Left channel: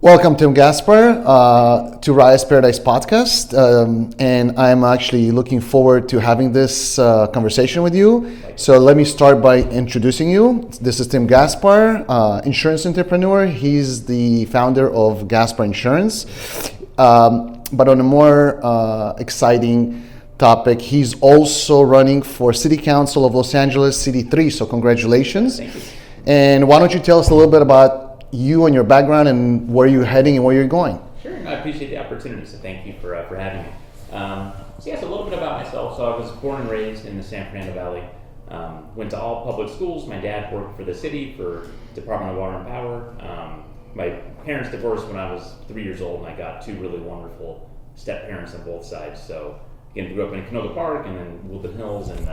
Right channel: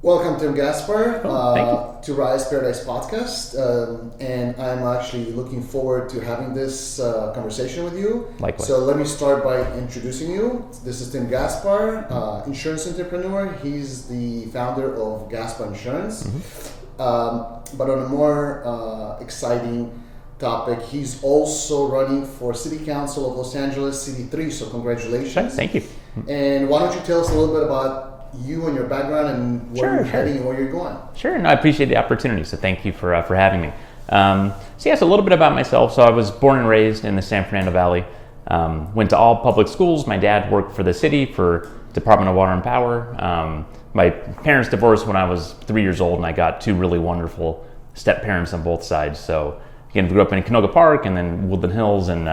Welcome, Tim Gaspar, to RAYA'S Paradise podcast. And I'm actually looking forward to having this conversation with you. Likewise. So let me start by introducing you. This is Tim Gaspar, insurance entrepreneur. He's the founder of Gaspar Insurance. But on a more exciting topic, he's also running for City Council of Los Angeles, City 3. So congratulations. Thank you. And why don't you tell us a little bit about you and your background and where you're heading and where you're going. Sure, no, I appreciate the opportunity, so thank you for having me. So a little bit about myself. So I was born and raised in the San Fernando Valley, went to all public schools. My dad worked for the city for Department of Water and Power. My parents divorced when I was 3 years old, and I got two really wonderful step parents on both sides. So again, grew up in Canoga Park and then Woodland Hills, and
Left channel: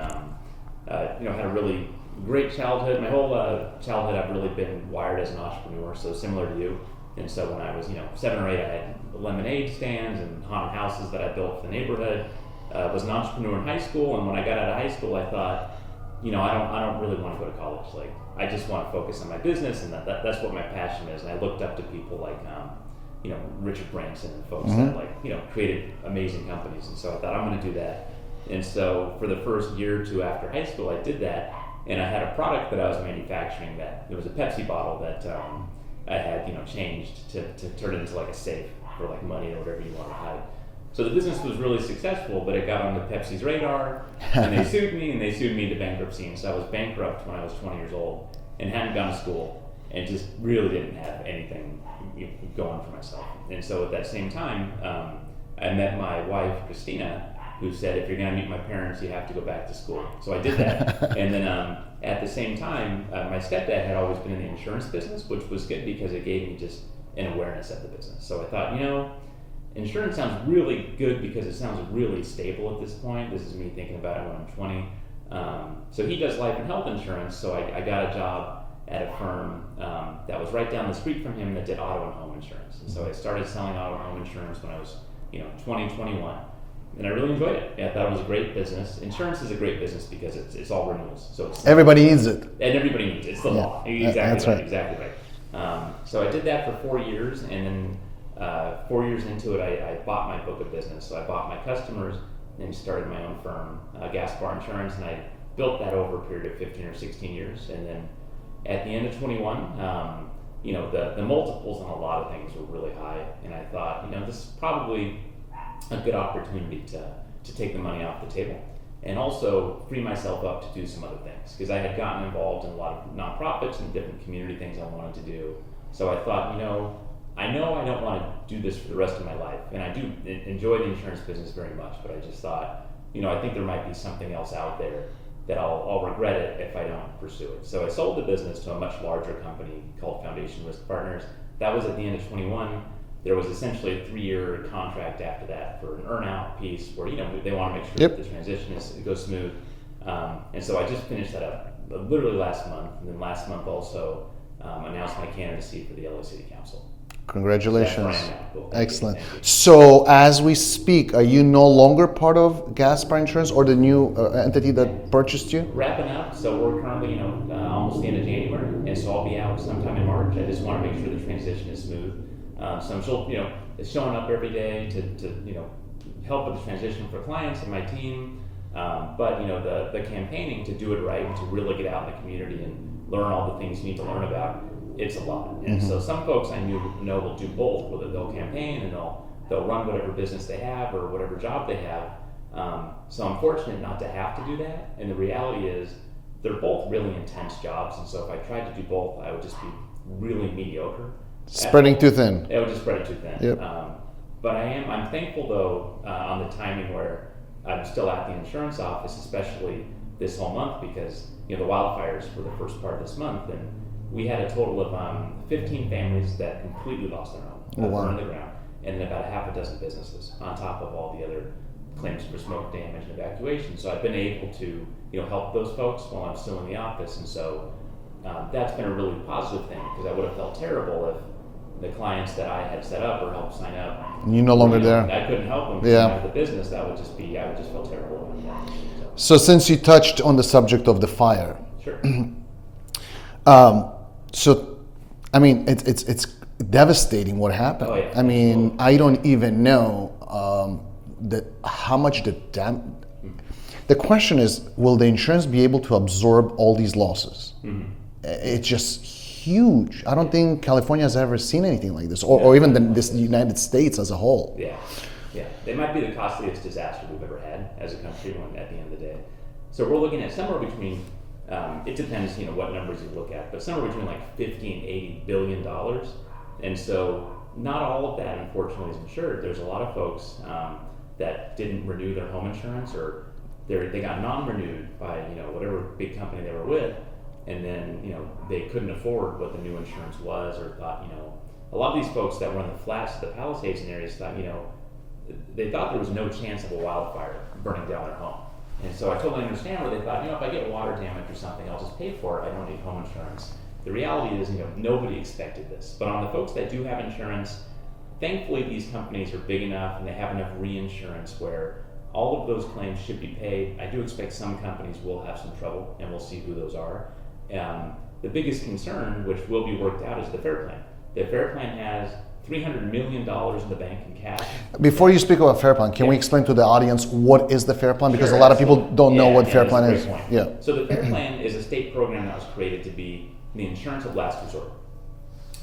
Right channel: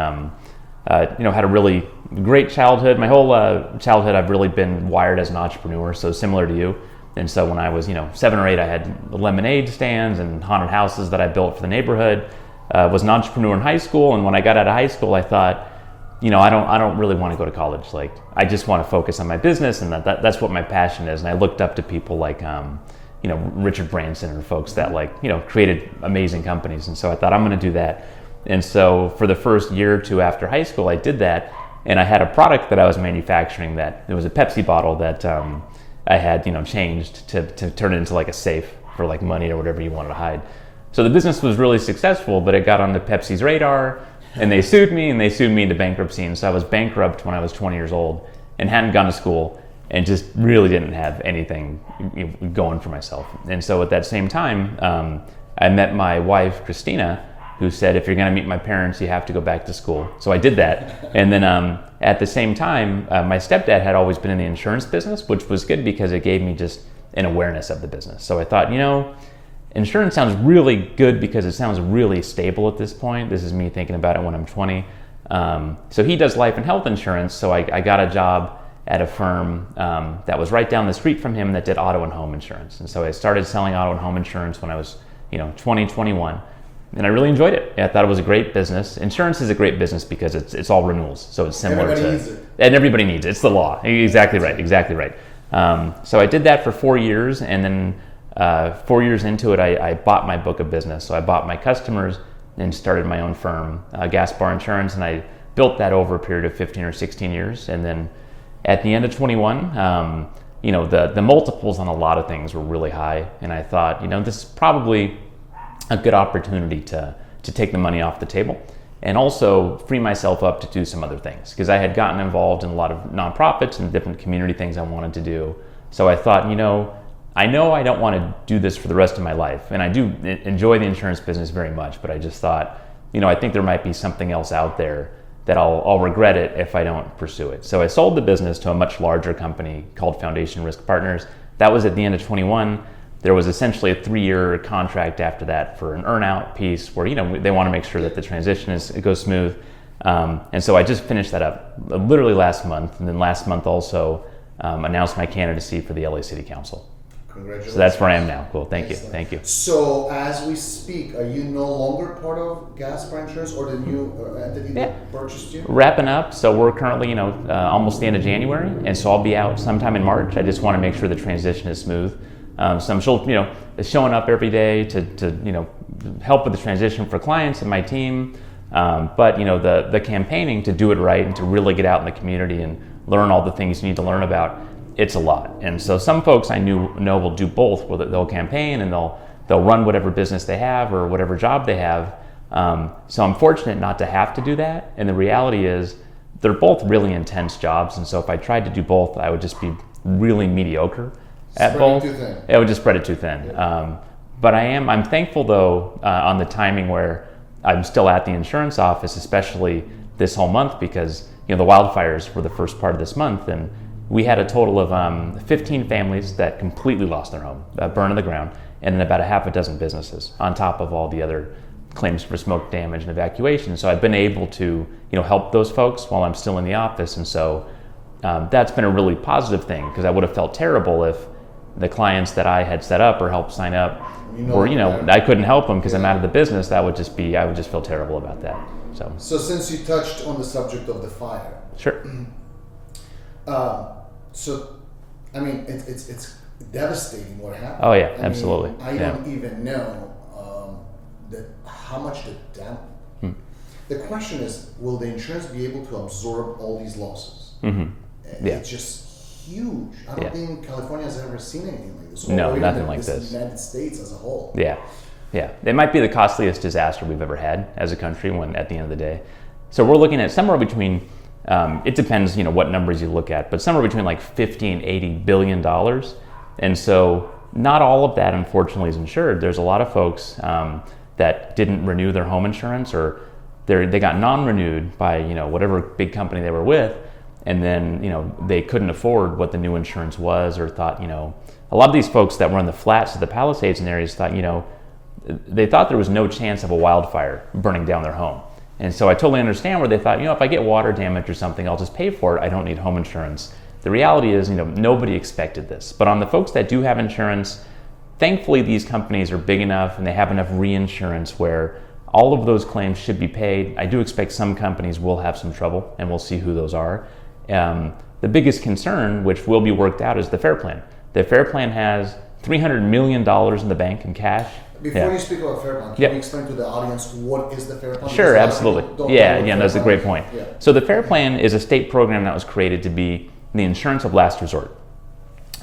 had a really great childhood. My whole childhood, I've really been wired as an entrepreneur, so similar to you. And so when I was, 7 or 8, I had lemonade stands and haunted houses that I built for the neighborhood. Was an entrepreneur in high school, and when I got out of high school, I thought, I don't really want to go to college. Like, I just want to focus on my business, and that's what my passion is. And I looked up to people like, Richard Branson and folks that created amazing companies. And so I thought, I'm going to do that. And so for the first year or two after high school, I did that, and I had a product that I was manufacturing that it was a Pepsi bottle that I had changed to turn it into like a safe for like money or whatever you wanted to hide. So the business was really successful, but it got onto Pepsi's radar, and they sued me into bankruptcy. And so I was bankrupt when I was 20 years old and hadn't gone to school and just really didn't have anything going for myself. And so at that same time, I met my wife, Christina, who said, if you're going to meet my parents, you have to go back to school. So I did that. And then at the same time, my stepdad had always been in the insurance business, which was good because it gave me just an awareness of the business. So I thought, insurance sounds really good because it sounds really stable at this point. This is me thinking about it when I'm 20. So he does life and health insurance. So I got a job at a firm that was right down the street from him that did auto and home insurance. And so I started selling auto and home insurance when I was 20, 21. And I really enjoyed it. I thought it was a great business. Insurance is a great business because it's all renewals. So it's everybody needs it. And everybody needs it. It's the law. Exactly right. Exactly right. So I did that for 4 years, and then 4 years into it, I bought my book of business. So I bought my customers and started my own firm, Gaspar Insurance, and I built that over a period of 15 or 16 years. And then at the end of 21, the multiples on a lot of things were really high, and I thought, this is probably a good opportunity to take the money off the table and also free myself up to do some other things, because I had gotten involved in a lot of nonprofits and different community things I wanted to do. So I thought, I know I don't want to do this for the rest of my life, and I do enjoy the insurance business very much, but I just thought, I think there might be something else out there that I'll regret it if I don't pursue it. So I sold the business to a much larger company called Foundation Risk Partners. That was at the end of 21. There was essentially a 3-year contract after that for an earn-out piece where they want to make sure that the transition goes smooth. And so I just finished that up literally last month, and then last month also announced my candidacy for the LA City Council. Congratulations. So that's where I am now. Cool. Thank Excellent. you. Thank you. So as we speak, are you no longer part of Gaspar Insurance or the new entity that purchased you? Wrapping up. So we're currently, almost the end of January, and so I'll be out sometime in March. I just want to make sure the transition is smooth. So I'm still, showing up every day to help with the transition for clients and my team. But the campaigning to do it right and to really get out in the community and learn all the things you need to learn about, it's a lot. And so some folks I know will do both, where they'll campaign and they'll run whatever business they have or whatever job they have. So I'm fortunate not to have to do that. And the reality is they're both really intense jobs. And so if I tried to do both, I would just be really mediocre. Spreading too thin. It would just spread it too thin. Yep. But I'm thankful though on the timing where I'm still at the insurance office, especially this whole month, because the wildfires were the first part of this month, and we had a total of 15 families that completely lost their home, burned to the ground, and then about a half a dozen businesses on top of all the other claims for smoke damage and evacuation. So I've been able to help those folks while I'm still in the office, and so that's been a really positive thing, because I would have felt terrible if the clients that I had set up or helped sign up, I couldn't help them because I'm out of the business. I would just feel terrible about that. So since you touched on the subject of the fire, sure. So, I mean, it's devastating what happened. Oh yeah, I absolutely. mean, I don't even know that how much the question is, will the insurance be able to absorb all these losses? It's just huge. I don't think California has ever seen anything like this, or even the United States as a whole. Yeah. It might be the costliest disaster we've ever had as a country at the end of the day. So we're looking at somewhere between, it depends, what numbers you look at, but somewhere between like 50 and 80 billion dollars. And so not all of that, unfortunately, is insured. There's a lot of folks that didn't renew their home insurance, or they got non-renewed by whatever big company they were with, and then they couldn't afford what the new insurance was, or thought a lot of these folks that were in the flats of the Palisades and areas thought they thought there was no chance of a wildfire burning down their home. And so I totally understand where they thought, if I get water damage or something, I'll just pay for it. I don't need home insurance. The reality is, nobody expected this. But on the folks that do have insurance, thankfully these companies are big enough and they have enough reinsurance where all of those claims should be paid. I do expect some companies will have some trouble, and we'll see who those are. The biggest concern, which will be worked out, is the FAIR Plan. The FAIR Plan has $300 million in the bank in cash. Before you speak about FAIR Plan, can we explain to the audience what is the FAIR Plan? Because a lot of people don't know what FAIR Plan is. That's a great point. Yeah. So the FAIR Plan is a state program that was created to be the insurance of last resort.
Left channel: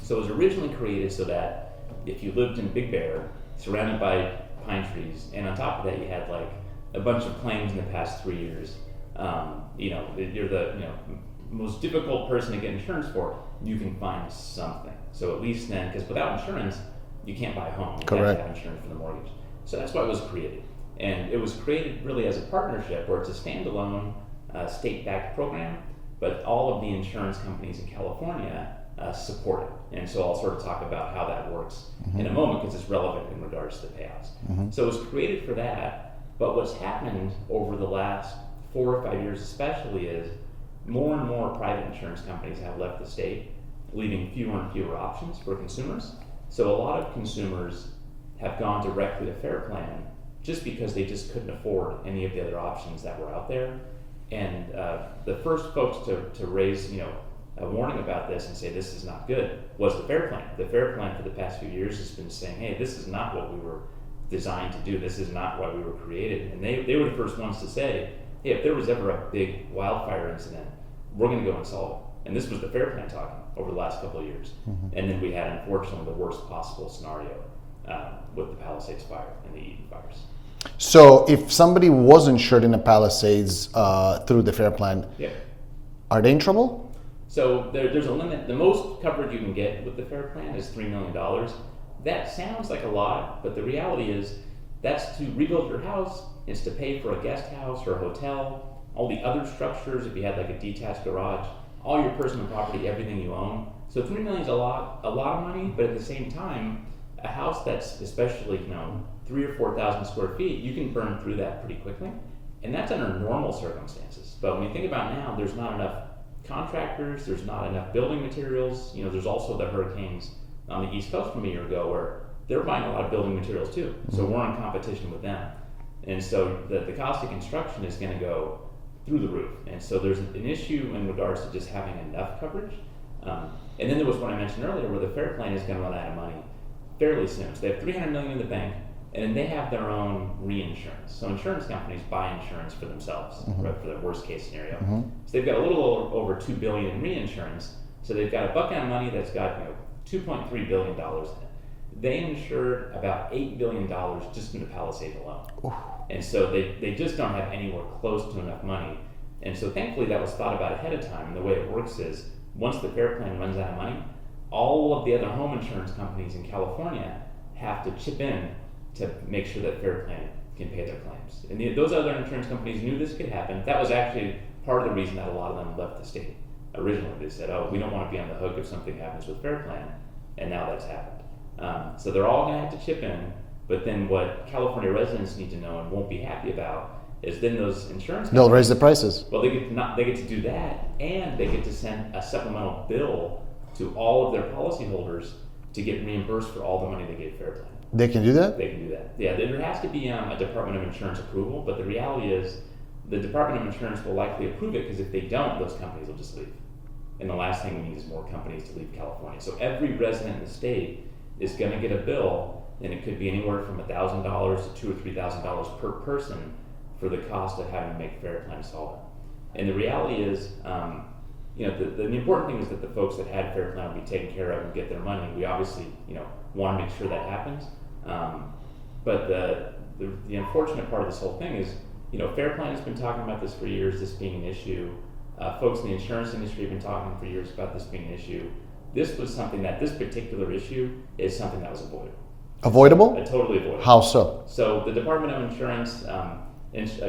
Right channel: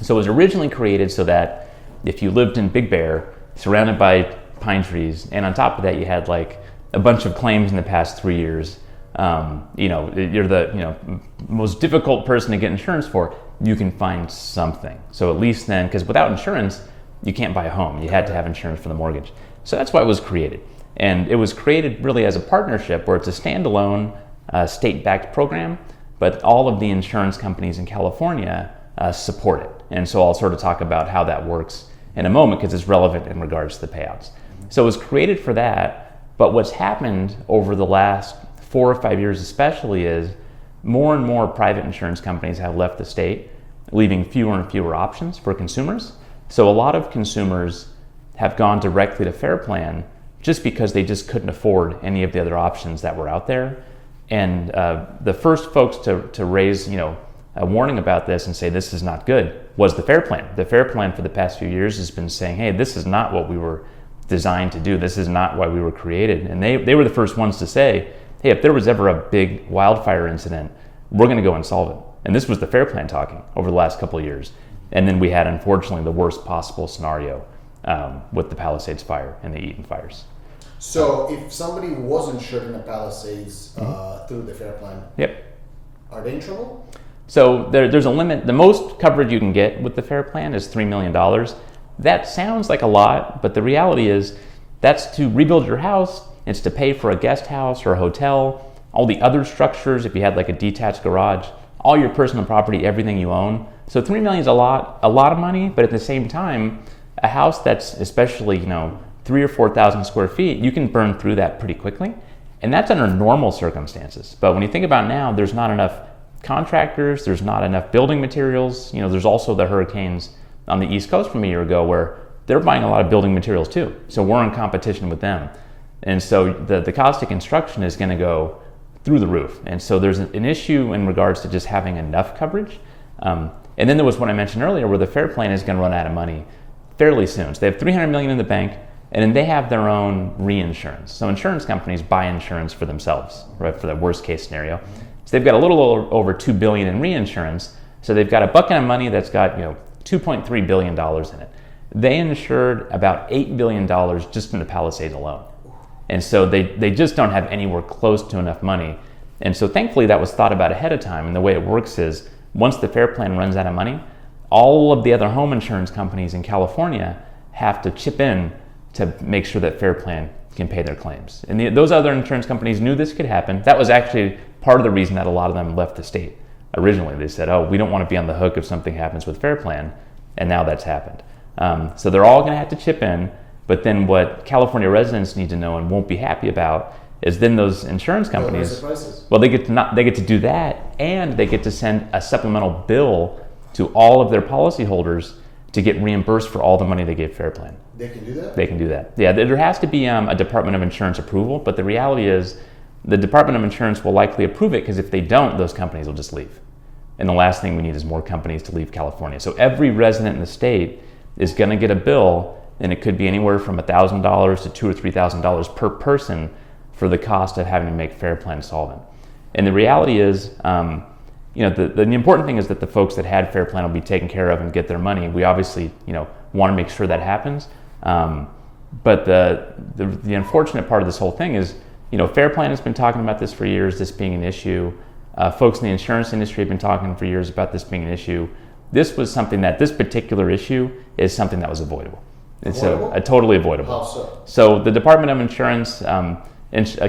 So it was originally created so that if you lived in Big Bear, surrounded by pine trees, and on top of that you had like a bunch of claims in the past 3 years, you're the most difficult person to get insurance for, you can find something. So at least then, because without insurance, you can't buy a home. You had to have insurance for the mortgage. So that's why it was created. And it was created really as a partnership where it's a standalone state-backed program, but all of the insurance companies in California support it. And so I'll sort of talk about how that works in a moment because it's relevant in regards to the payouts. So it was created for that, but what's happened over the last 4 or 5 years especially is more and more private insurance companies have left the state, leaving fewer and fewer options for consumers. So a lot of consumers have gone directly to FAIR Plan just because they just couldn't afford any of the other options that were out there. And the first folks to raise a warning about this and say this is not good was the FAIR Plan. The FAIR Plan for the past few years has been saying, hey, this is not what we were designed to do. This is not why we were created. And they were the first ones to say, hey, if there was ever a big wildfire incident, we're going to go and solve it. And this was the FAIR Plan talking over the last couple of years. And then we had, unfortunately, the worst possible scenario with the Palisades fire and the Eaton fires. So if somebody was insured in the Palisades through the FAIR Plan, are they in trouble? So there's a limit. The most coverage you can get with the FAIR Plan is $3 million. That sounds like a lot, but the reality is that's to rebuild your house. It's to pay for a guest house or a hotel, all the other structures, if you had like a detached garage, all your personal property, everything you own. So $3 million is a lot of money, but at the same time, a house that's especially, 3,000 or 4,000 square feet, you can burn through that pretty quickly. And that's under normal circumstances. But when you think about now, there's not enough contractors, there's not enough building materials. There's also the hurricanes on the East Coast from a year ago where they're buying a lot of building materials too. So we're in competition with them. And so the cost of construction is going to go through the roof. And so there's an issue in regards to just having enough coverage. And then there was what I mentioned earlier where the FAIR Plan is going to run out of money fairly soon. So they have $300 million in the bank, and then they have their own reinsurance. So insurance companies buy insurance for themselves, right, for the worst case scenario. So they've got a little over $2 billion in reinsurance. So they've got a bucket of money that's got $2.3 billion in it. They insured about $8 billion just in the Palisades alone. And so they just don't have anywhere close to enough money. And so thankfully that was thought about ahead of time. And the way it works is once the FAIR Plan runs out of money, all of the other home insurance companies in California have to chip in to make sure that FAIR Plan can pay their claims. And those other insurance companies knew this could happen. That was actually part of the reason that a lot of them left the state. Originally, they said, oh, we don't want to be on the hook if something happens with FAIR Plan. And now that's happened. So they're all going to have to chip in. But then what California residents need to know and won't be happy about is then those insurance companies... They'll raise the prices. Well, they get to do that, and they get to send a supplemental bill to all of their policyholders to get reimbursed for all the money they gave FAIR Plan. They can do that? They can do that. Yeah, there has to be a Department of Insurance approval, but the reality is the Department of Insurance will likely approve it because if they don't, those companies will just leave. And the last thing we need is more companies to leave California. So every resident in the state is going to get a bill, and it could be anywhere from $1,000 to $2,000 or $3,000 per person for the cost of having to make Fair Plan solvent. And the reality is, the important thing is that the folks that had Fair Plan will be taken care of and get their money. We obviously, want to make sure that happens. But the unfortunate part of this whole thing is, Fair Plan has been talking about this for years, this being an issue. Folks in the insurance industry have been talking for years about this being an issue. This was something this particular issue is something that was avoidable. Avoidable? Totally avoidable. How so? So the Department of Insurance,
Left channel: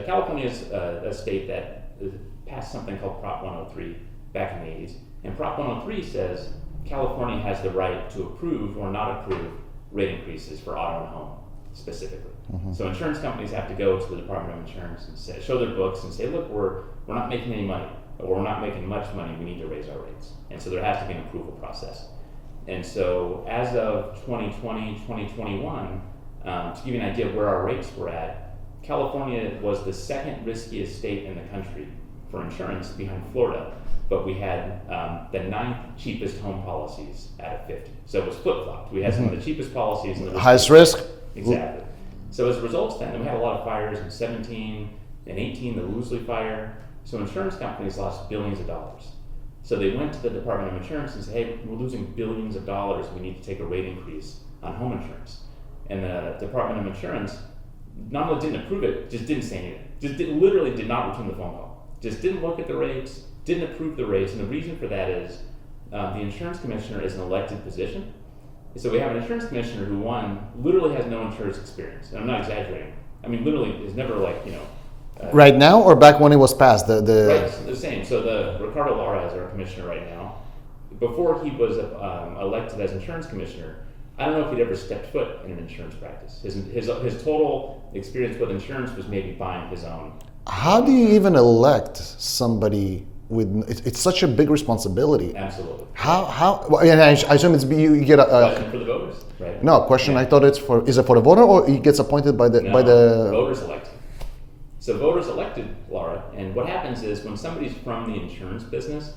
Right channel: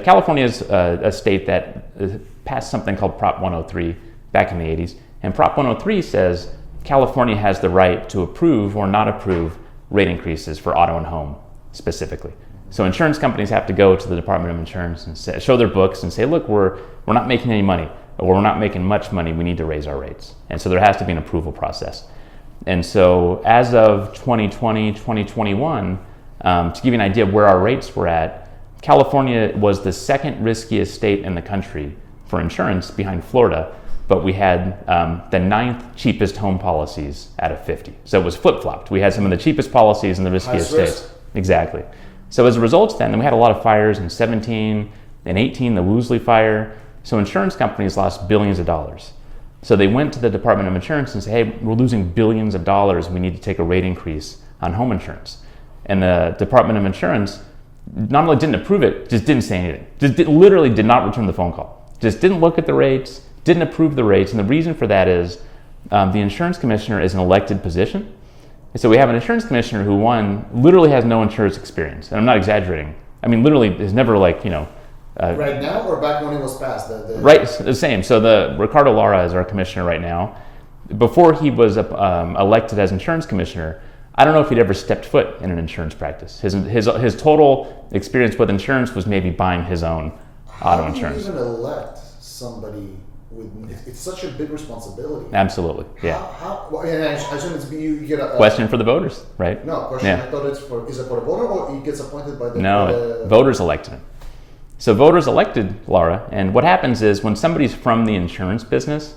California is a state that passed something called Prop 103 back in the 80s. And Prop 103 says California has the right to approve or not approve rate increases for auto and home specifically. Mm-hmm. So insurance companies have to go to the Department of Insurance and show their books and say, look, we're not making any money, or we're not making much money, we need to raise our rates. And so there has to be an approval process. And so as of 2020, 2021, to give you an idea of where our rates were at, California was the second riskiest state in the country for insurance behind Florida, but we had the 9th cheapest home policies out of 50. So it was flip-flopped. We had some of the cheapest policies and the riskiest highest risk. States. Exactly. So as a result then we had a lot of fires in 17 and 18, the Woolsey fire. So insurance companies lost billions of dollars. So they went to the Department of Insurance and said, hey, we're losing billions of dollars. We need to take a rate increase on home insurance. And the Department of Insurance not only didn't approve it, just didn't say anything. Literally did not return the phone call. Just didn't look at the rates, didn't approve the rates. And the reason for that is the insurance commissioner is an elected position. And so we have an insurance commissioner who, one, literally has no insurance experience. And I'm not exaggerating. I mean, literally is never right now or back when it was passed? Right, the same. So Ricardo Lara is our commissioner right now. Before he was elected as insurance commissioner, I don't know if he'd ever stepped foot in an insurance practice. His total experience with insurance was maybe buying his own. How do you even elect somebody with? It's such a big responsibility. Absolutely. How? Well, I assume it's you get a question for the voters, right? No question. Yeah. I thought is it for the voter or he gets appointed by the? No, by the voters elected him. So voters elected Lara, and what happens is when somebody's from the insurance business,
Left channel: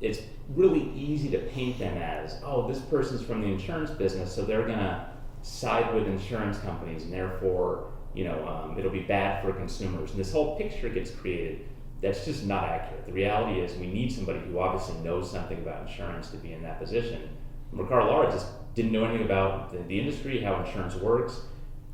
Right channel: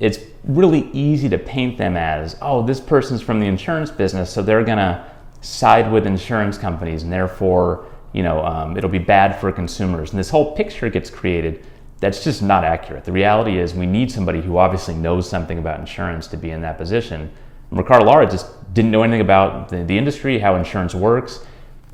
it's really easy to paint them as, oh, this person's from the insurance business, so they're gonna side with insurance companies, and therefore, it'll be bad for consumers. And this whole picture gets created that's just not accurate. The reality is we need somebody who obviously knows something about insurance to be in that position. And Ricardo Lara just didn't know anything about the industry, how insurance works.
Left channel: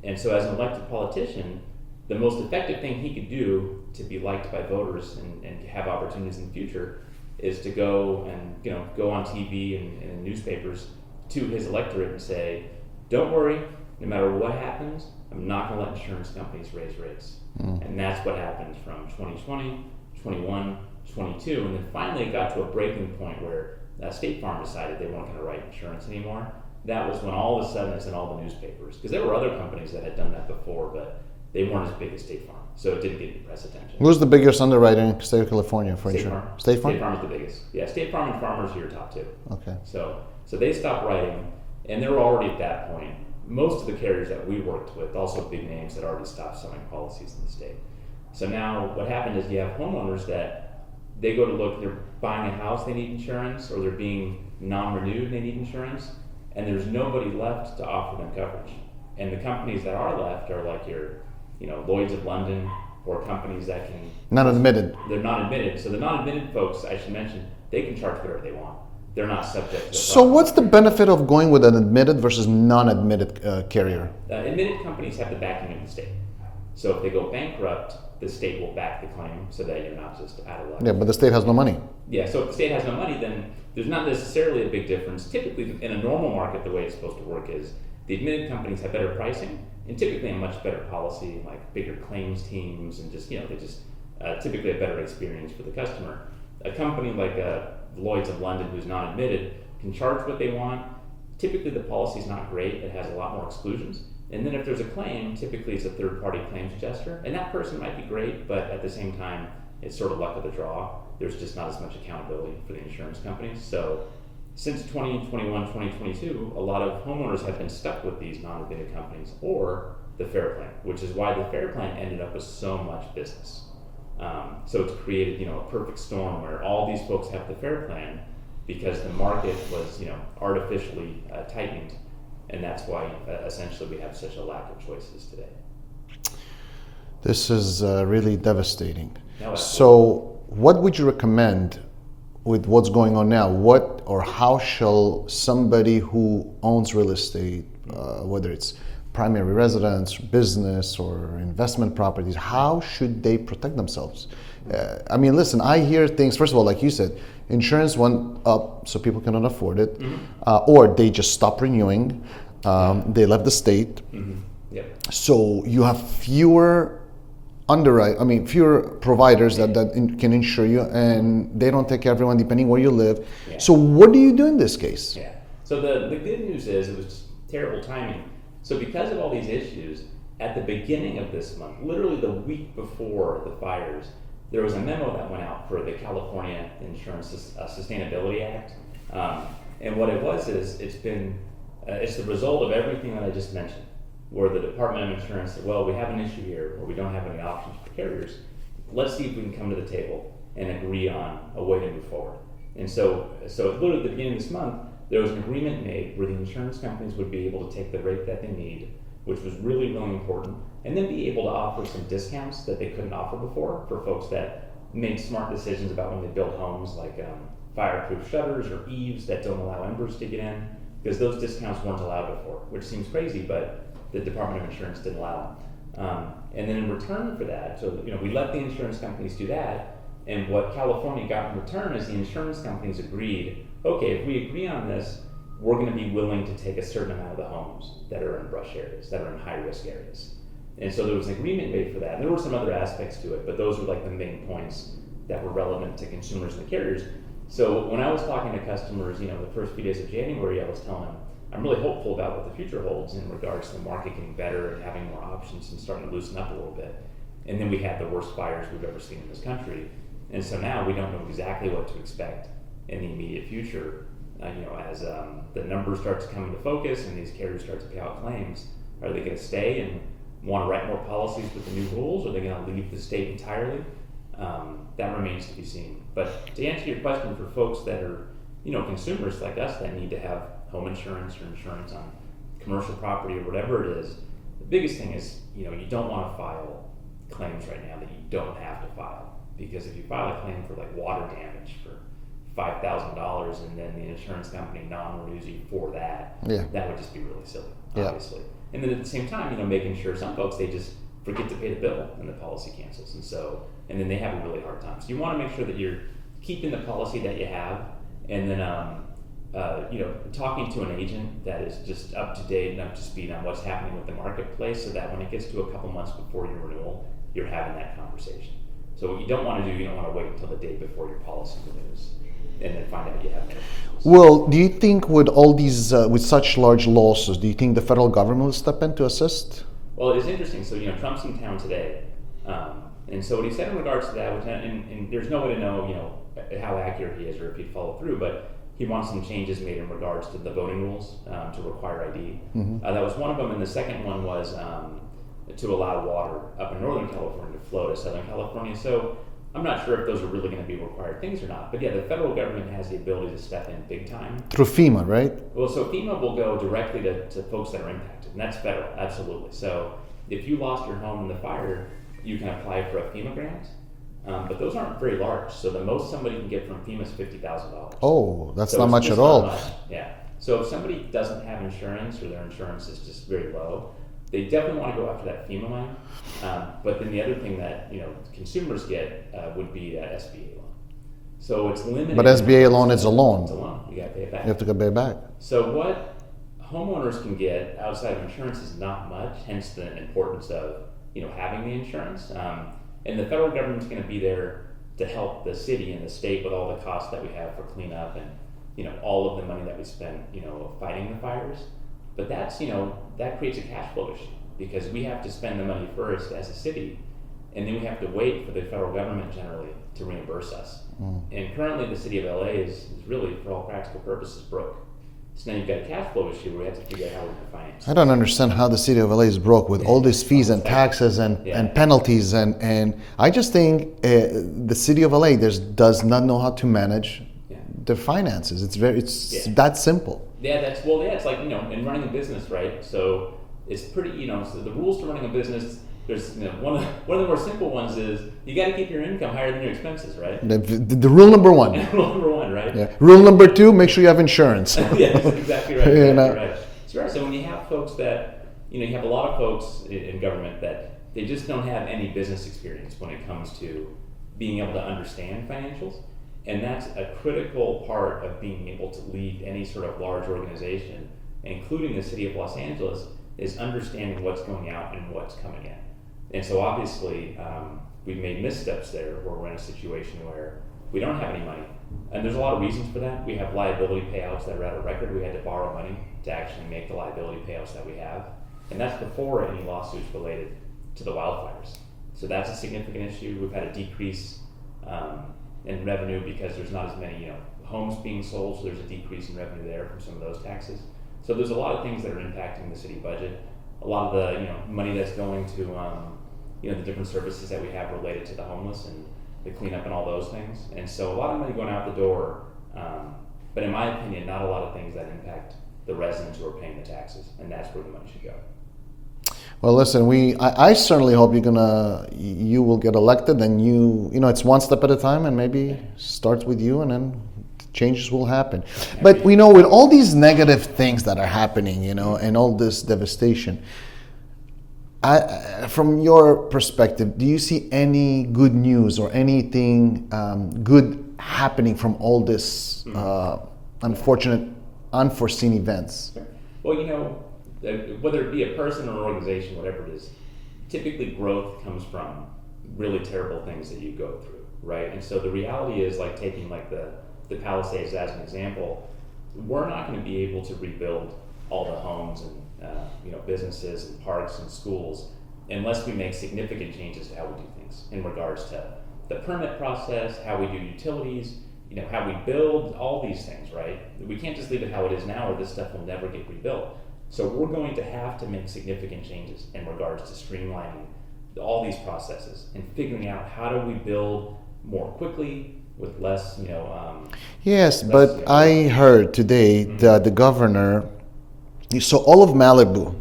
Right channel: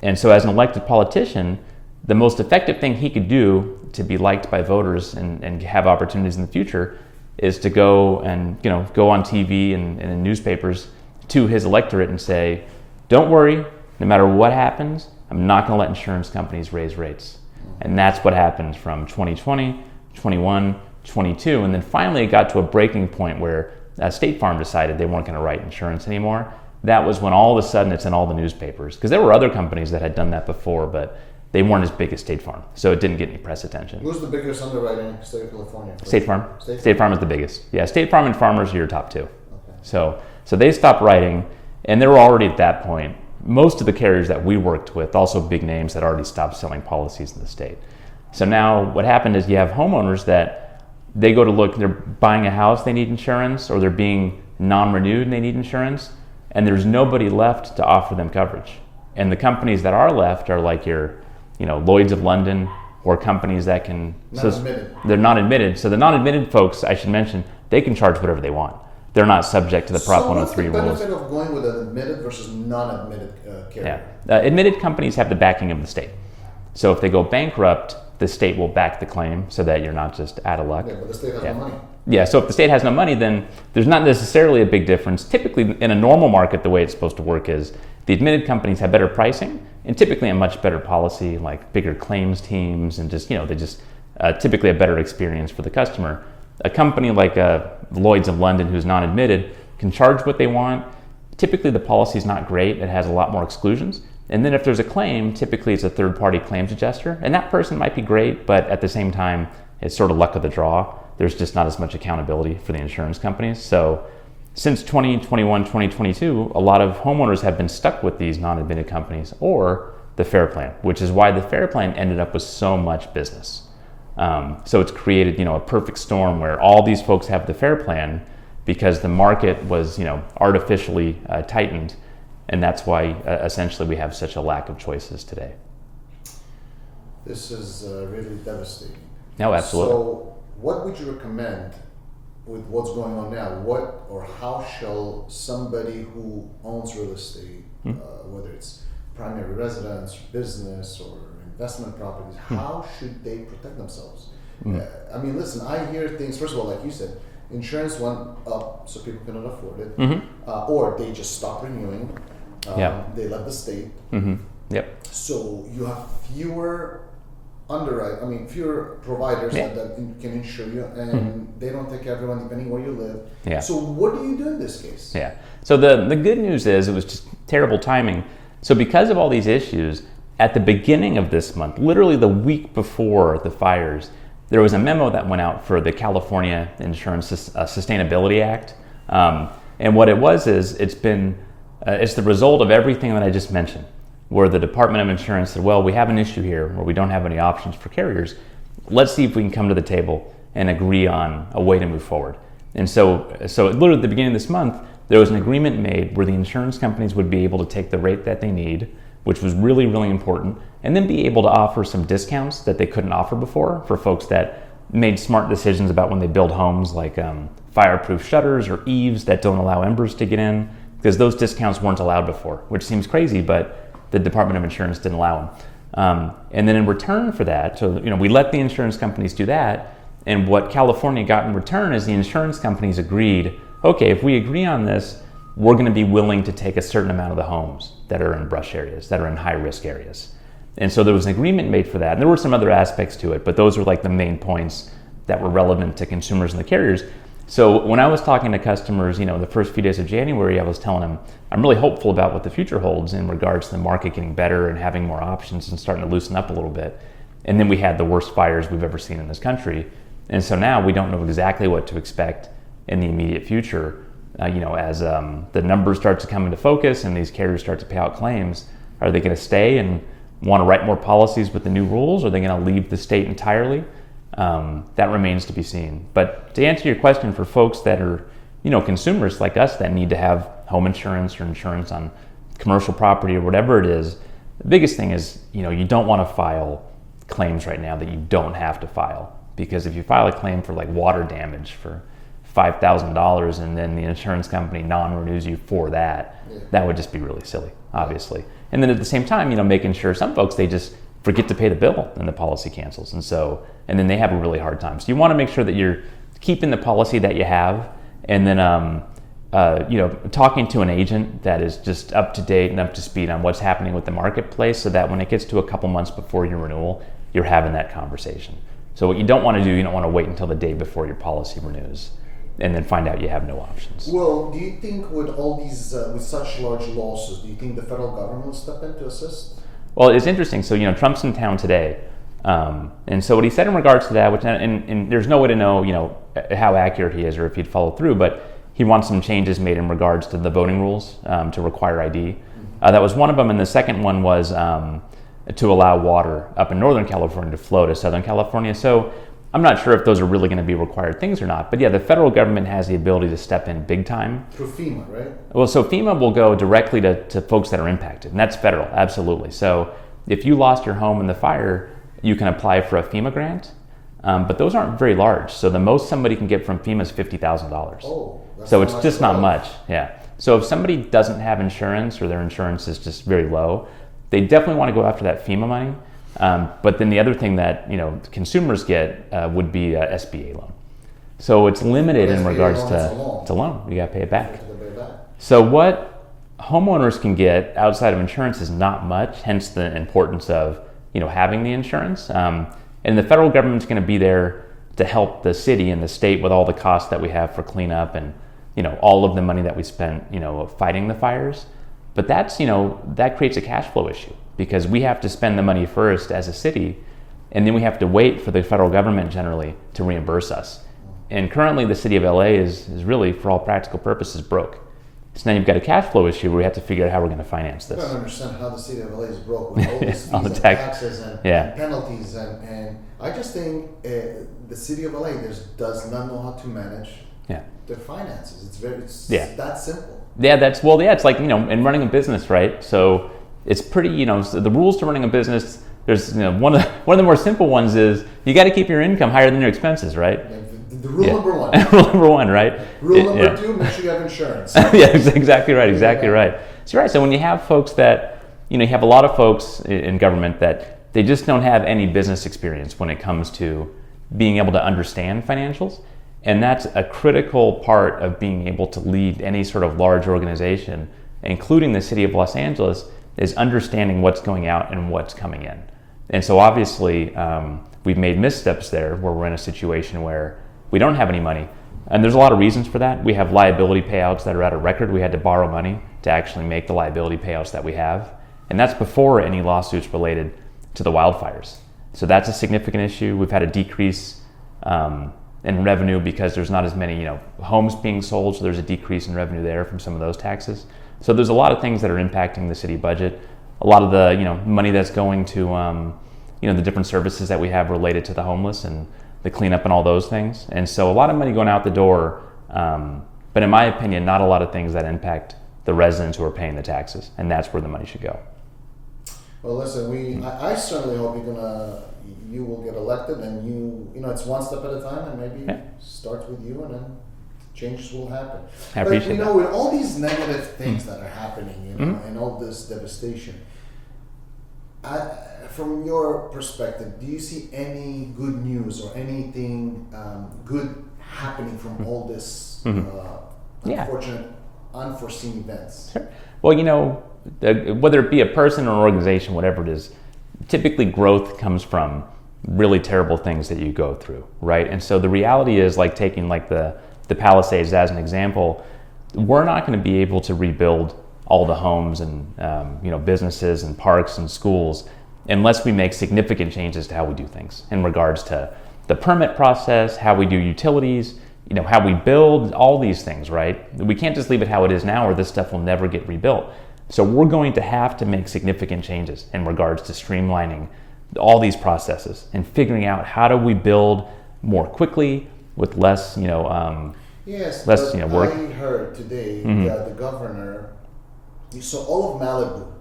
And so as an elected politician, the most effective thing he could do to be liked by voters and have opportunities in the future is to go on TV and in newspapers to his electorate and say, don't worry, no matter what happens, I'm not going to let insurance companies raise rates. Mm-hmm. And that's what happened from 2020, 21, 22, and then finally it got to a breaking point where State Farm decided they weren't going to write insurance anymore. That was when all of a sudden it's in all the newspapers, because there were other companies that had done that before, but they weren't as big as State Farm, so it didn't get any press attention. Who's the biggest underwriter in the state of California? State Farm. State Farm is the biggest. Yeah, State Farm and Farmers are your top two. Okay. So they stopped writing, and they were already at that point. Most of the carriers that we worked with, also big names, that already stopped selling policies in the state. So now what happened is you have homeowners that they go to look, they're buying a house, they need insurance, or they're being non-renewed and they need insurance, and there's nobody left to offer them coverage. And the companies that are left are like your Lloyd's of London, or companies that can... Not admitted. They're not admitted. So the non-admitted folks, I should mention, they can charge whatever they want. They're not subject to the Prop 103 So what's the benefit rules. of going with an admitted versus non-admitted carrier? Yeah. Admitted companies have the backing of the state. So if they go bankrupt, the state will back the claim so that you're not just out of luck. Yeah, but the state has no money. Yeah, so if the state has no money, then there's not necessarily a big difference. Typically, in a normal market, the way it's supposed to work is the admitted companies have better pricing and typically a much better policy, like bigger claims teams, and just, they just typically a better experience for the customer. A company like Lloyd's of London, who's non-admitted, can charge what they want. Typically, the policy is not great. It has a lot more exclusions. And then if there's a claim, typically it's a third-party claims adjuster, and that person might be great, but at the same time, it's sort of luck of the draw. There's just not as much accountability for the insurance companies. So since 2021, 2022, a lot of homeowners have been stuck with these non-admitted companies or the Fair Plan, which is why the Fair Plan ended up with so much business. So it's created, a perfect storm where all these folks have the Fair Plan, because the market was, artificially tightened, and that's why essentially we have such a lack of choices today. This is really devastating. No, absolutely. So what would you recommend with what's going on now? What or how shall somebody who owns real estate, whether it's primary residence, business, or investment properties, how should they protect themselves? I mean, listen, I hear things, first of all, like you said, insurance went up so people cannot afford it, or they just stopped renewing, they left the state. Yep. So you have fewer fewer providers that can insure you, and they don't take everyone depending where you live. So what do you do in this case? So the good news is it was just terrible timing. So because of all these issues, at the beginning of this month, literally the week before the fires, there was a memo that went out for the California Insurance Sustainability Act. And what it was is it's the result of everything that I just mentioned, where the Department of Insurance said, well, we have an issue here where we don't have any options for carriers. Let's see if we can come to the table and agree on a way to move forward. And so literally at the beginning of this month, there was an agreement made where the insurance companies would be able to take the rate that they need, which was really, really important, and then be able to offer some discounts that they couldn't offer before for folks that made smart decisions about when they build homes, like fireproof shutters or eaves that don't allow embers to get in, because those discounts weren't allowed before, which seems crazy, but the Department of Insurance didn't allow them. And then in return for that, so we let the insurance companies do that, and what California got in return is the insurance companies agreed, okay, if we agree on this, we're going to be willing to take a certain amount of the homes that are in brush areas, that are in high risk areas. And so there was an agreement made for that, and there were some other aspects to it, but those were like the main points that were relevant to consumers and the carriers. So when I was talking to customers, the first few days of January, I was telling them, I'm really hopeful about what the future holds in regards to the market getting better and having more options and starting to loosen up a little bit. And then we had the worst fires we've ever seen in this country. And so now we don't know exactly what to expect in the immediate future. As the numbers start to come into focus and these carriers start to pay out claims, are they going to stay and want to write more policies with the new rules? Or are they going to leave the state entirely? That remains to be seen. But to answer your question, for folks that are, consumers like us that need to have home insurance or insurance on commercial property or whatever it is, the biggest thing is, you don't want to file claims right now that you don't have to file. Because if you file a claim for like water damage for $5,000 and then the insurance company non-renews you for that, that would just be really silly, obviously. And then at the same time, making sure some folks, they just forget to pay the bill and the policy cancels. And then they have a really hard time. So you want to make sure that you're keeping the policy that you have, and then talking to an agent that is just up to date and up to speed on what's happening with the marketplace, so that when it gets to a couple months before your renewal, you're having that conversation. So what you don't want to do, you don't want to wait until the day before your policy renews and then find out you have no options. Well, do you think with all these, with such large losses, do you think the federal government will step in to assist? Well, it's interesting. So, Trump's in town today. And so what he said in regards to that, which and there's no way to know, how accurate he is or if he'd follow through, but he wants some changes made in regards to the voting rules to require ID. That was one of them. And the second one was to allow water up in Northern California to flow to Southern California. So I'm not sure if those are really going to be required things or not. But yeah, the federal government has the ability to step in big time. Through FEMA, right? Well, so FEMA will go directly to folks that are impacted, and that's federal, absolutely. So if you lost your home in the fire, you can apply for a FEMA grant, but those aren't very large. So the most somebody can get from FEMA is $50,000. Oh, that's so not it's much just at not all. much, yeah. So if somebody doesn't have insurance or their insurance is just very low, they definitely want to go after that FEMA money. But then the other thing that consumers get would be a SBA loan. So it's limited. But SBA loan is a loan. It's a loan. You got to pay it back. You have to go pay it back. So what homeowners can get outside of insurance is not much. Hence the importance of having the insurance. And the federal government's going to be there to help the city and the state with all the costs that we have for cleanup and all of the money that we spent fighting the fires. But that's that creates a cash flow issue, because we have to spend the money first as a city, and then we have to wait for the federal government generally to reimburse us. And currently the city of LA is really, for all practical purposes, broke. So now you've got a cash flow issue where we have to figure out how we're going to finance this. I don't understand how the city of LA is broke with all these fees and taxes and penalties. And I just think the city of LA does not know how to manage their finances. It's that simple. Yeah, it's like, in running a business, right? So it's pretty, so the rules to running a business, there's, one of the more simple ones is you got to keep your income higher than your expenses, right? The rule number one. Rule number one, right? Yeah. Rule number two, make sure you have insurance. Yeah, exactly right, right. So right, so when you have folks that, you have a lot of folks in government that they just don't have any business experience when it comes to being able to understand financials. And that's a critical part of being able to lead any sort of large organization, including the city of Los Angeles, is understanding what's going out and what's coming in. And so obviously, we've made missteps there where we're in a situation where we don't have any money. And there's a lot of reasons for that. We have liability payouts that are at a record. We had to borrow money to actually make the liability payouts that we have. And that's before any lawsuits related to the wildfires. So that's a significant issue. We've had a decrease in revenue because there's not as many, homes being sold. So there's a decrease in revenue there from some of those taxes. So there's a lot of things that are impacting the city budget. A lot of the, money that's going to, the different services that we have related to the homeless and the cleanup and all those things. And so a lot of money going out the door. But in my opinion, not a lot of things that impact the residents who are paying the taxes. And that's where the money should go. Well, listen, I certainly hope you will get elected, and it's one step at a time, and maybe starts with you, and then changes will happen. But with all these negative things that are happening, and all this devastation, from your perspective, do you see any good news or anything good happening from all this unfortunate, unforeseen events? Sure. Well, whether it be a person or an organization, whatever it is, typically growth comes from really terrible things that you go through, right? And so the reality is, like taking the Palisades as an example, we're not going to be able to rebuild all the homes and businesses and parks and schools unless we make significant changes to how we do things in regards to the permit process, how we do utilities, how we build, all these things, right? We can't just leave it how it is now, or this stuff will never get rebuilt. So we're going to have to make significant changes in regards to streamlining all these processes and figuring out how do we build more quickly with less, Yes, less, but I heard today that the governor, so all of Malibu,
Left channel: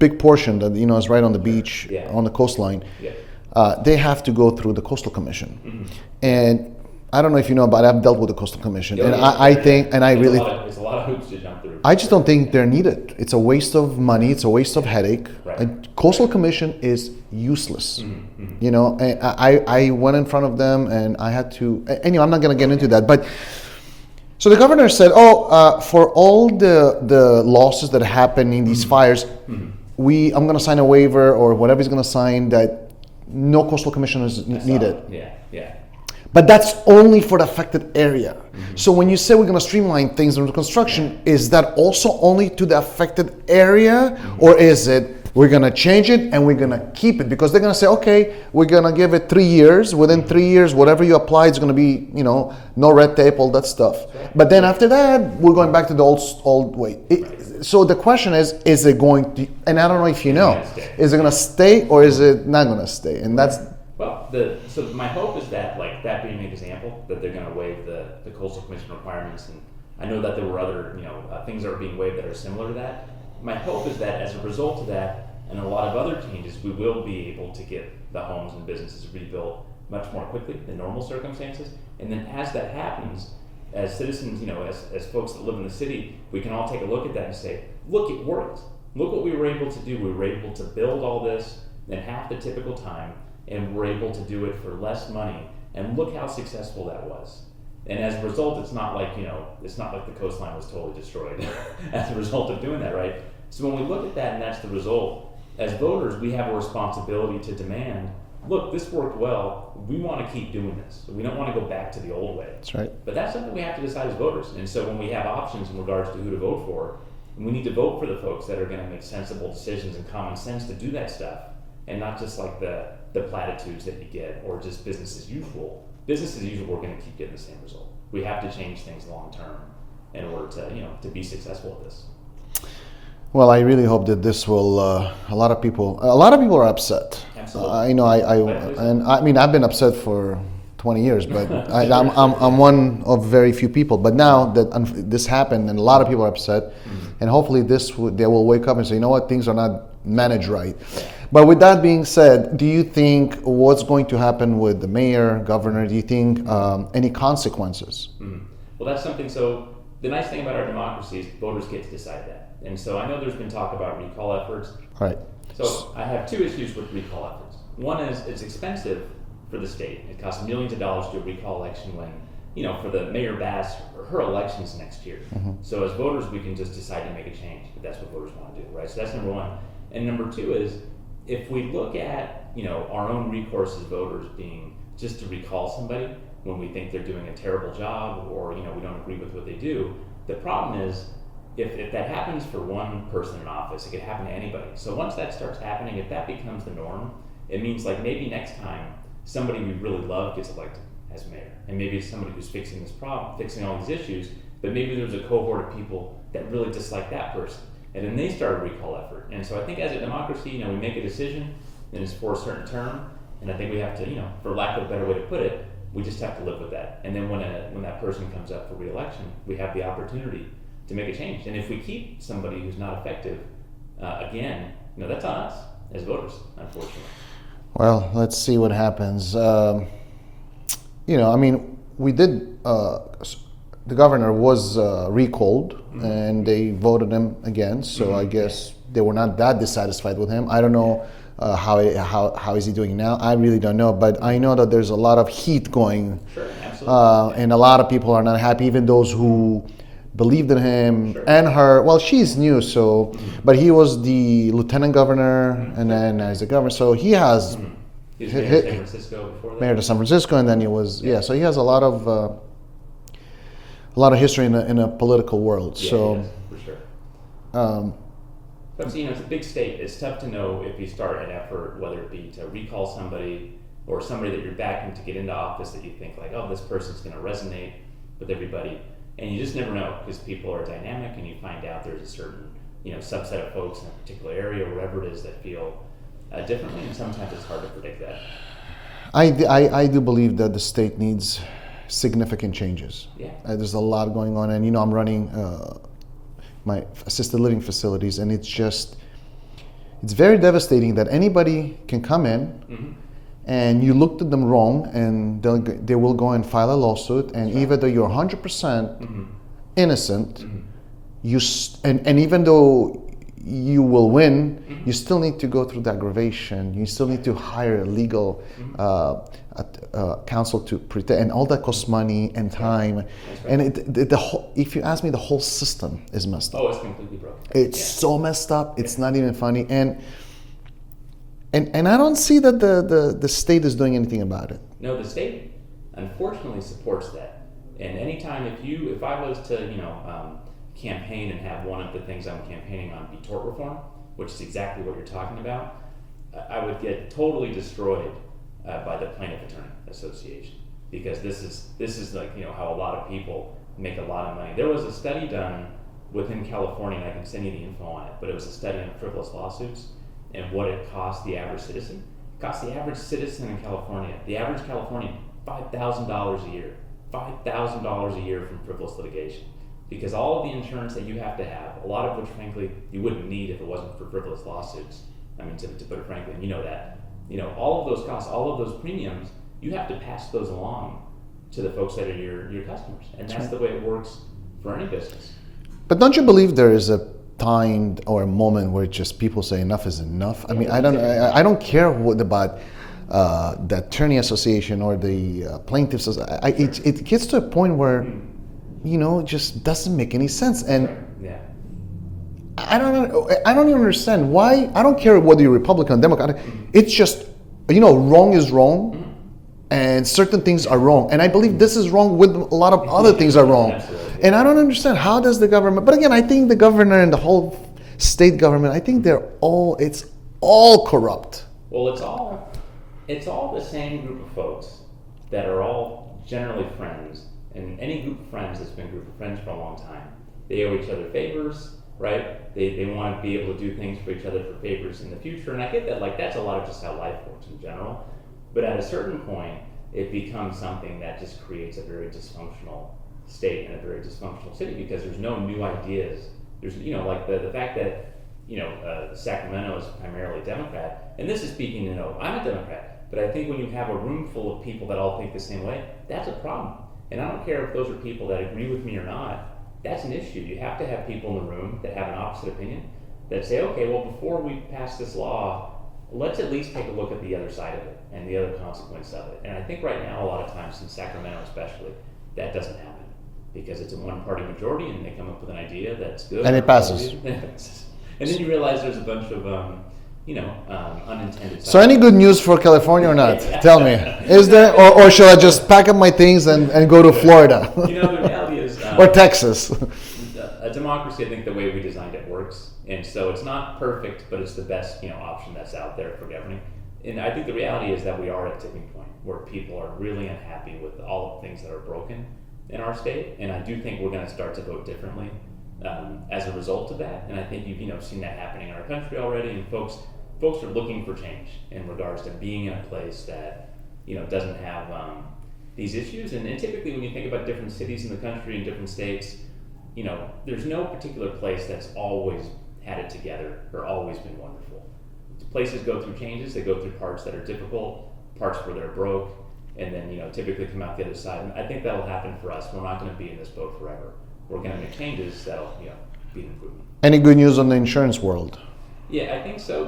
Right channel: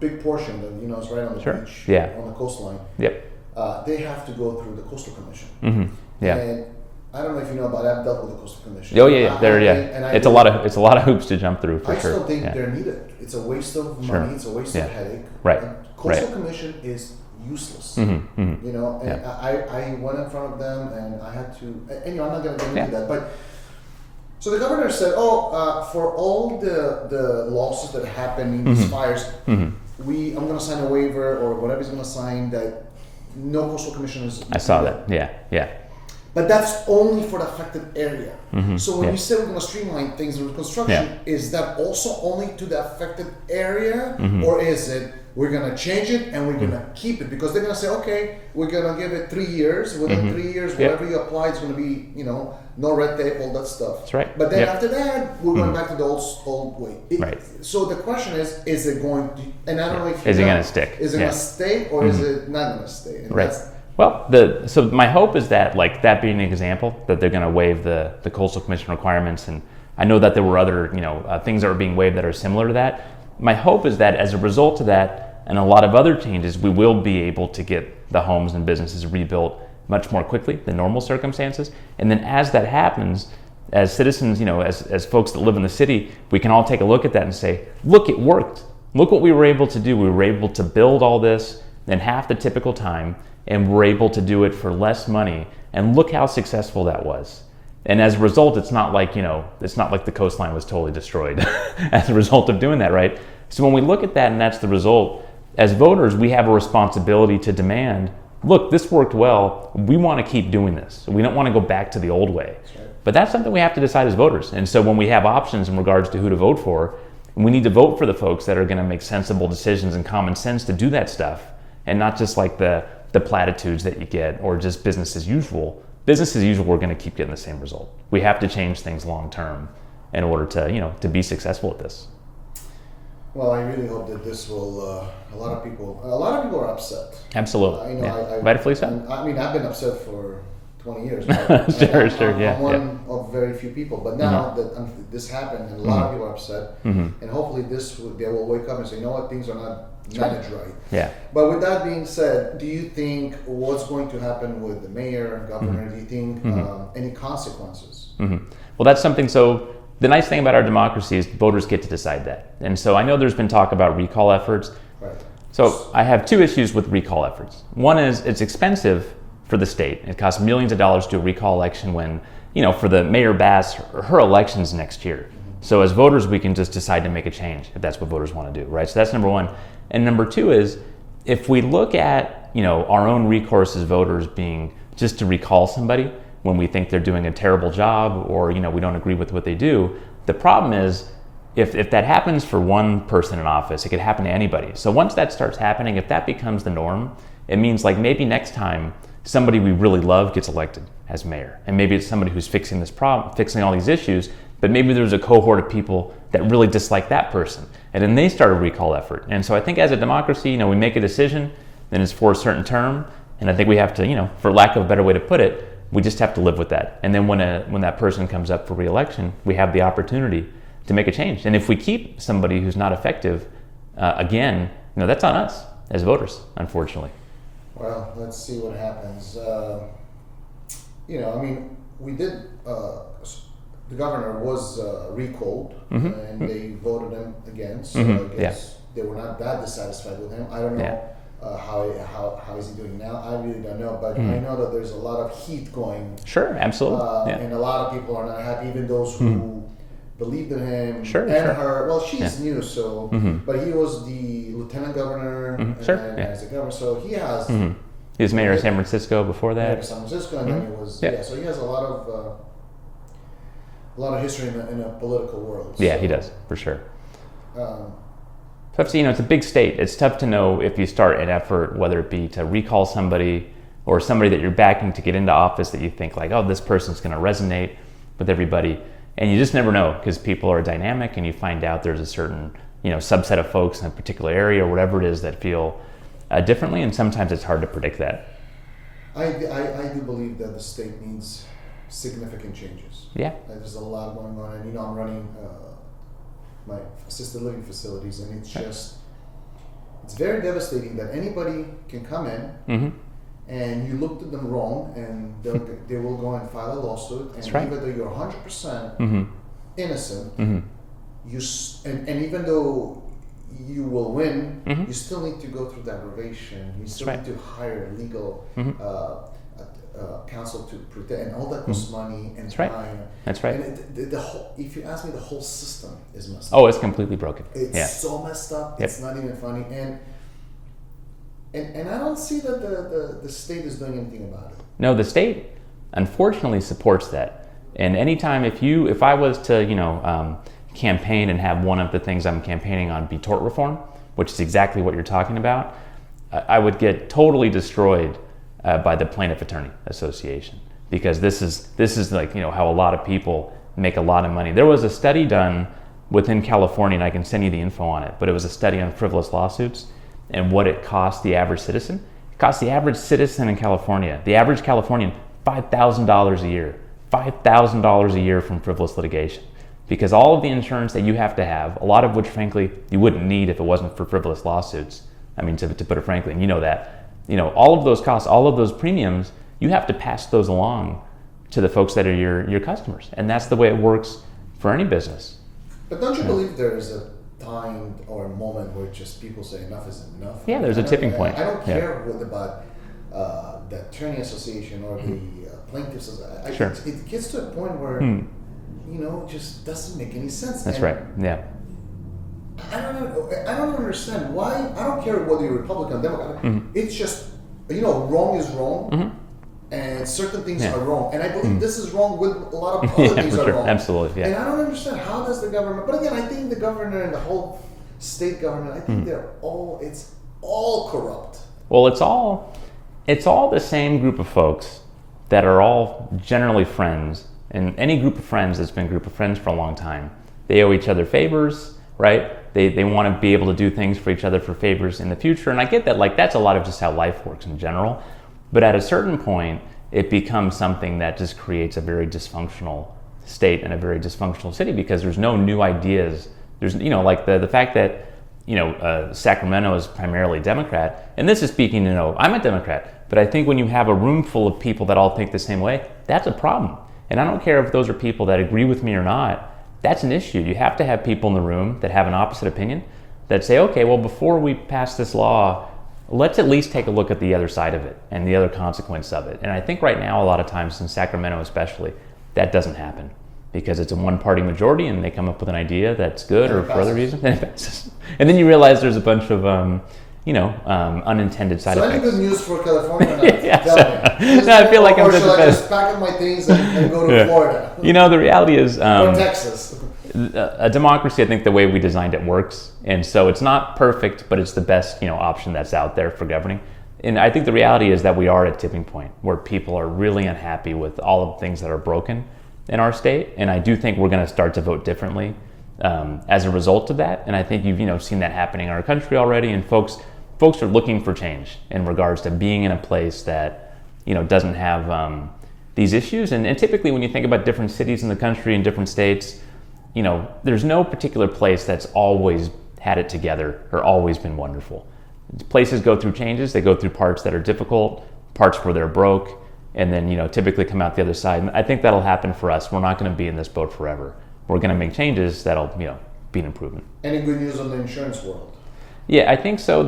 big portion that is right on the beach, on the coastline. Yep. They have to go through the Coastal Commission, and I don't know if you know, but I've dealt with the Coastal Commission. Oh, I think it's a lot of hoops to jump through. I just don't think they're needed. It's a waste of money. It's a waste of headache. Right. And Coastal Commission is useless. And I went in front of them, and I had to. Anyway, I'm not going to get into that, but. So the governor said, for all the losses that happen in these fires, I'm going to sign a waiver or whatever he's going to sign that no Coastal Commission is needed. Yeah. But that's only for the affected area. So when you say we're going to streamline things in construction, is that also only to the affected area, or is it we're going to change it and we're going to keep it? Because they're going to say, okay, we're going to give it 3 years. Within 3 years, whatever you apply, it's going to be, no red tape, all that stuff. That's right. But then after that, we're going back to the old way. So the question is it going to, and I don't know if you know, it going to stick? Is it going to stay, or is it not going to stay? And that's. Well, so my hope is that, that being an example, that they're going to waive the Coastal Commission requirements, and I know that there were other things that were being waived that are similar to that. My hope is that as a result of that and a lot of other changes, we will be able to get the homes and businesses rebuilt much more quickly than normal circumstances. And then as that happens, as citizens, as folks that live in the city, we can all take a look at that and say, look, it worked. Look what we were able to do. We were able to build all this in half the typical time, and we're able to do it for less money, and look how successful that was. And as a result, it's not like the coastline was totally destroyed as a result of doing that, right? So when we look at that and that's the result, as voters, we have a responsibility to demand, look, this worked well, we want to keep doing this. We don't want to go back to the old way. That's right. But that's something we have to decide as voters. And so when we have options in regards to who to vote for, we need to vote for the folks that are going to make sensible decisions and common sense to do that stuff, and not just like the platitudes that you get, or just business as usual. Business as usual, we're going to keep getting the same result. We have to change things long term in order to be successful at this. Well, I really hope that this will. A lot of people are upset. Absolutely. Rightfully so. And I mean, I've been upset for 20 years, but Sure, I'm one of very few people. But now that this happened, and a lot of people are upset, and hopefully they will wake up and say, you know what, things are not managed right. Yeah. But with that being said, do you think what's going to happen with the mayor, governor? Do you think any consequences? Well, that's something. So the nice thing about our democracy is voters get to decide that. And so I know there's been talk about recall efforts. Right. So I have two issues with recall efforts. One is it's expensive for the state. It costs millions of dollars to do a recall election when, for the Mayor Bass, her election's next year. So as voters, we can just decide to make a change if that's what voters want to do, right? So that's number one. And number two is if we look at, our own recourse as voters being just to recall somebody when we think they're doing a terrible job or, we don't agree with what they do, the problem is if that happens for one person in office, it could happen to anybody. So once that starts happening, if that becomes the norm, it means like maybe next time somebody we really love gets elected as mayor. And maybe it's somebody who's fixing this problem, fixing all these issues, but maybe there's a cohort of people that really dislike that person. And then they start a recall effort. And so I think as a democracy, we make a decision, then it's for a certain term. And I think we have to, for lack of a better way to put it, we just have to live with that. And then when that person comes up for re-election, we have the opportunity to make a change. And if we keep somebody who's not effective, again, that's on us as voters, unfortunately. Well, let's see what happens. We did, the governor was recalled and they voted him again. So I guess they were not that dissatisfied with him. I don't know how is he doing now. I really don't know, but I know that there's a lot of heat going. Sure, absolutely. And a lot of people are not happy, even those who believed in him and her. Well, she's new, so but he was the lieutenant governor and then he's the governor, so he has. He was mayor of San Francisco before that. Mayor of San Francisco, and then he was so he has a lot of history in a political world. Yeah, so, he does for sure. Tough to, it's a big state. It's tough to know if you start an effort, whether it be to recall somebody or somebody that you're backing to get into office that you think like, oh, this person's going to resonate with everybody. And you just never know because people are dynamic and you find out there's a certain, subset of folks in a particular area or whatever it is that feel differently. And sometimes it's hard to predict that. I do believe that the state needs significant changes. Yeah. There's a lot going on. And, I'm running my assisted living facilities, and it's very devastating that anybody can come in and you looked at them wrong, and they will go and file a lawsuit, and even though you're 100% innocent, and even though you will win, you still need to go through the aggravation. You still need to hire a legal counsel to protect, and all that costs money and time. That's right. And the whole, if you ask me, the whole system is messed up. Oh, it's completely broken. It's so messed up. It's not even funny. And I don't see that the state is doing anything about it. No, the state unfortunately supports that. And anytime if I was to campaign and have one of the things I'm campaigning on be tort reform, which is exactly what you're talking about, I would get totally destroyed by the Plaintiff Attorney Association, because this is like how a lot of people make a lot of money. There was a study done within California, and I can send you the info on it, but it was a study on frivolous lawsuits and what it cost the average citizen. It cost the average citizen in California, the average Californian, $5,000 a year. $5,000 a year from frivolous litigation. Because all of the insurance that you have to have, a lot of which frankly you wouldn't need if it wasn't for frivolous lawsuits. I mean, to put it frankly, and that, all of those costs, all of those premiums, you have to pass those along to the folks that are your customers. And that's the way it works for any business. But don't you believe there is a time or a moment where just people say enough is enough? Yeah, I don't care what about the attorney association or the plaintiffs. It gets to a point where it just doesn't make any sense. That's right. Yeah. I don't understand why. I don't care whether you're Republican or Democrat. It's just wrong is wrong, and certain things are wrong. And I believe this is wrong with a lot of other things are wrong. Absolutely. And I don't understand how does the government. But again, I think the governor and the whole state government. I think it's all corrupt. Well, it's all the same group of folks that are all generally friends. And any group of friends that's been a group of friends for a long time, they owe each other favors, right? They want to be able to do things for each other for favors in the future. And I get that, that's a lot of just how life works in general. But at a certain point, it becomes something that just creates a very dysfunctional state and a very dysfunctional city, because there's no new ideas. There's, like the fact that, Sacramento is primarily Democrat, and this is speaking, I'm a Democrat, but I think when you have a room full of people that all think the same way, that's a problem. And I don't care if those are people that agree with me or not, that's an issue. You have to have people in the room that have an opposite opinion, that say, okay, well, before we pass this law, let's at least take a look at the other side of it and the other consequence of it. And I think right now, a lot of times in Sacramento especially, that doesn't happen, because it's a one-party majority and they come up with an idea that's good, and or it passes. for other reasons, and it passes. And then you realize there's a bunch of unintended side So any effects. good news for California or not? Yeah. Tell me. Is No, there, I feel like or I'm should I just- just pack up my things and go to Florida? The reality is, or Texas? a democracy, I think the way we designed it works, and so it's not perfect, but it's the best option that's out there for governing. And I think the reality is that we are at a tipping point where people are really unhappy with all of the things that are broken in our state, and I do think we're going to start to vote differently as a result of that. And I think you've seen that happening in our country already, and folks are looking for change in regards to being in a place that doesn't have these issues. And typically when you think about different cities in the country and different states, there's no particular place that's always had it together or always been wonderful. Places go through changes. They go through parts that are difficult, parts where they're broke, and then typically come out the other side. And I think that'll happen for us. We're not going to be in this boat forever. We're going to make changes that'll be an improvement. Any good news on the insurance world? Yeah, I think so.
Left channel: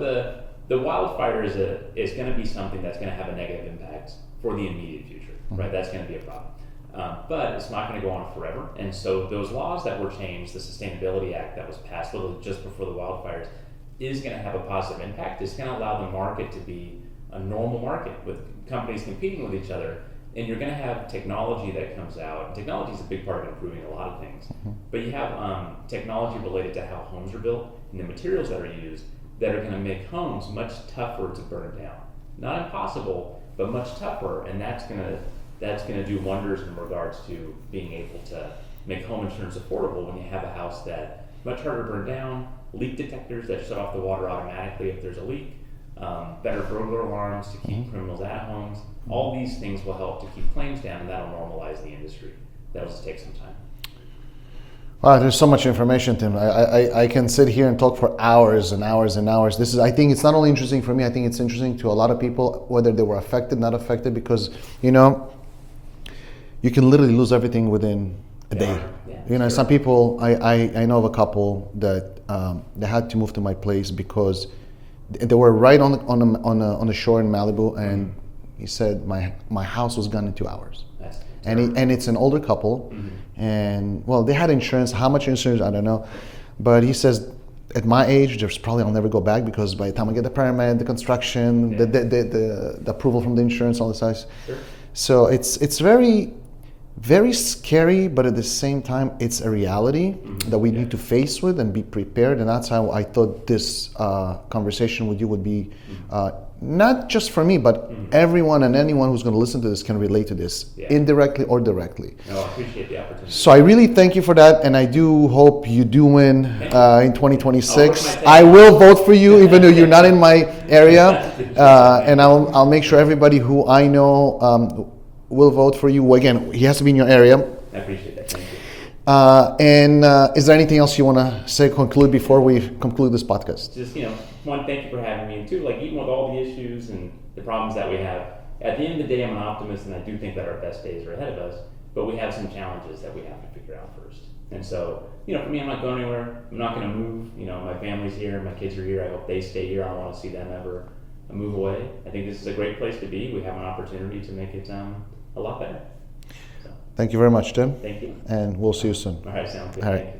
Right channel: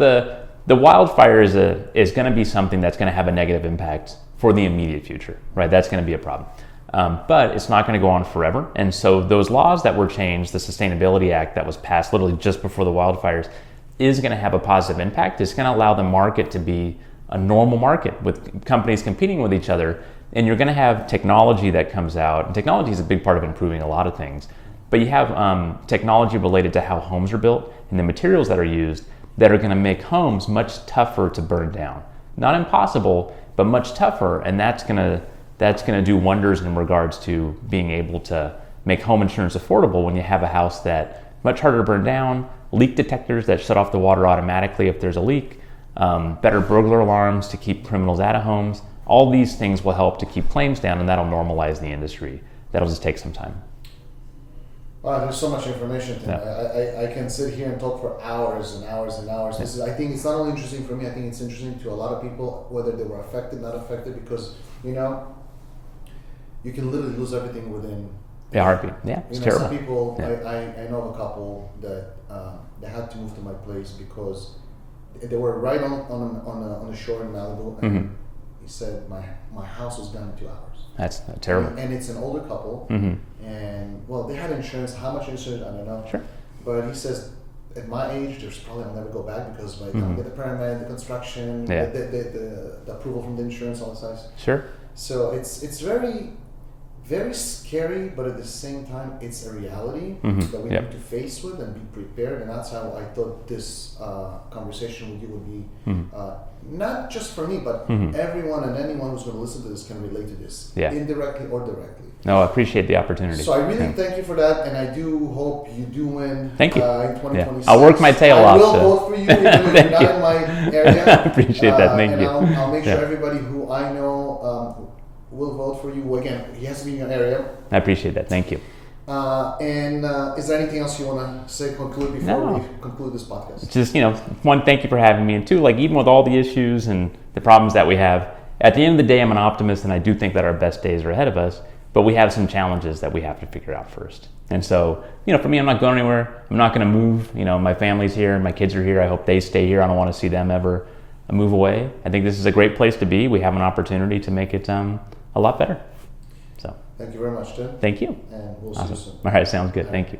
The wildfire is going to be something that's going to have a negative impact for the immediate future, right? That's going to be a problem. But it's not going to go on forever. And so those laws that were changed, the Sustainability Act that was passed literally just before the wildfires, is going to have a positive impact. It's going to allow the market to be a normal market with companies competing with each other. And you're going to have technology that comes out. And technology is a big part of improving a lot of things. But you have technology related to how homes are built and the materials that are used that are going to make homes much tougher to burn down. Not impossible, but much tougher. And that's going to do wonders in regards to being able to make home insurance affordable when you have a house that much harder to burn down, leak detectors that shut off the water automatically if there's a leak, better burglar alarms to keep criminals out of homes. All these things will help to keep claims down, and that'll normalize the industry. That'll just take some time. Wow, there's so much information, Tim. Yeah. I can sit here and talk for hours and hours and hours. I think it's not only interesting for me, I think it's interesting to a lot of people, whether they were affected, not affected, because, you can literally lose everything within a day. Yeah, Some terrible. people, I know of a couple that they had to move to my place because they were right on the shore in Malibu, and he said my house was gone in 2 hours. That's terrible. And it's an older couple, and well, they had insurance. How much insurance, I don't know, but he says, at my age, there's probably I'll never go back, because by the time I get the permit, the construction, the approval from the insurance, all this stuff. Sure. So it's very, very scary, but at the same time, it's a reality that we need to face with and be prepared. And that's how I thought this conversation with you would be, not just for me, but everyone and anyone who's going to listen to this can relate to this, indirectly or directly. No, I appreciate the opportunity. So I really thank you for that, and I do hope you do win Thank you. in 2026. I'll work my tail I off, will so. vote for you, even though you're not in my area. I appreciate that. Thank and you. I'll make sure everybody who I know will vote for you. Again, he has to be in your area. I appreciate that. Thank you. And is there anything else you want to say, conclude before we conclude this podcast? Just, one, thank you for having me. And two, even with all the issues and the problems that we have, at the end of the day, I'm an optimist, and I do think that our best days are ahead of us, but we have some challenges that we have to figure out first. And so, for me, I'm not going anywhere. I'm not going to move. My family's here, my kids are here. I hope they stay here. I don't want to see them ever move away. I think this is a great place to be. We have an opportunity to make it a lot better. So Thank you very much, Tim. thank you. And we'll see you soon. All right, sounds good. All right. Thank you.